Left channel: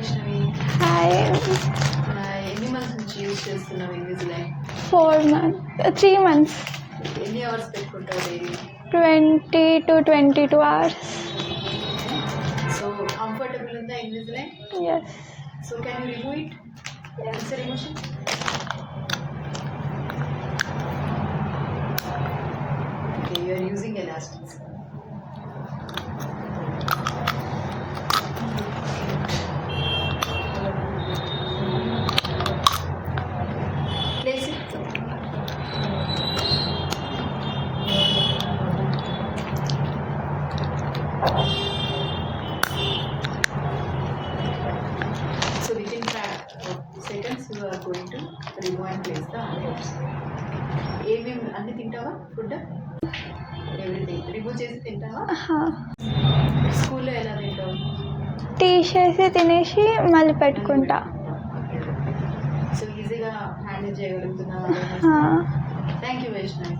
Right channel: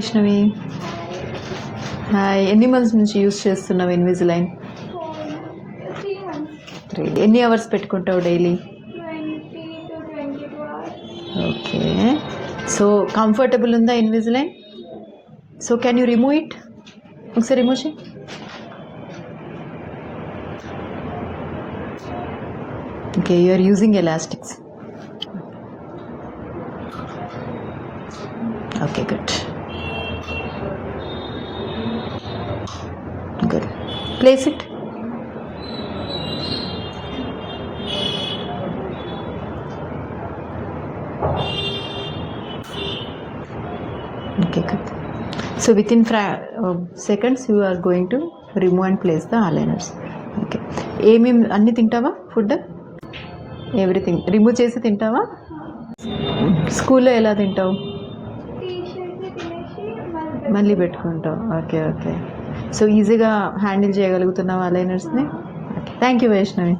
Vaishnavi. Hi. Hi. ఎన్ని months నుంచి use చేస్తున్నావు ఇన్విజిలైన్? 3 months. ఎన్ని అవర్స్ పెట్టుకుంటావు daily? 20 to 22 hours. Okay. So comfortable ఉందా Invisalign? Yes. So can you remove it? ఒకసారి రిమూవ్ చేయి. Okay, you are using elastics. Okay, good. Good. Place it. Okay, good. So within seconds you are going to remove and place the aligners. Okay. ఏమేమి అన్నీ తింటావా? Food everything remove చేసి తింటావా? స్కూల్లో ఎలా తింటావు? తీసేసి తినేసి మళ్ళీ పెట్టుకుంటావు. Okay, okay. సో ఈజీగా హ్యాండిల్ చేయగలుగుతున్నావా అలైనర్స్ని? Thank you Vaishnavi.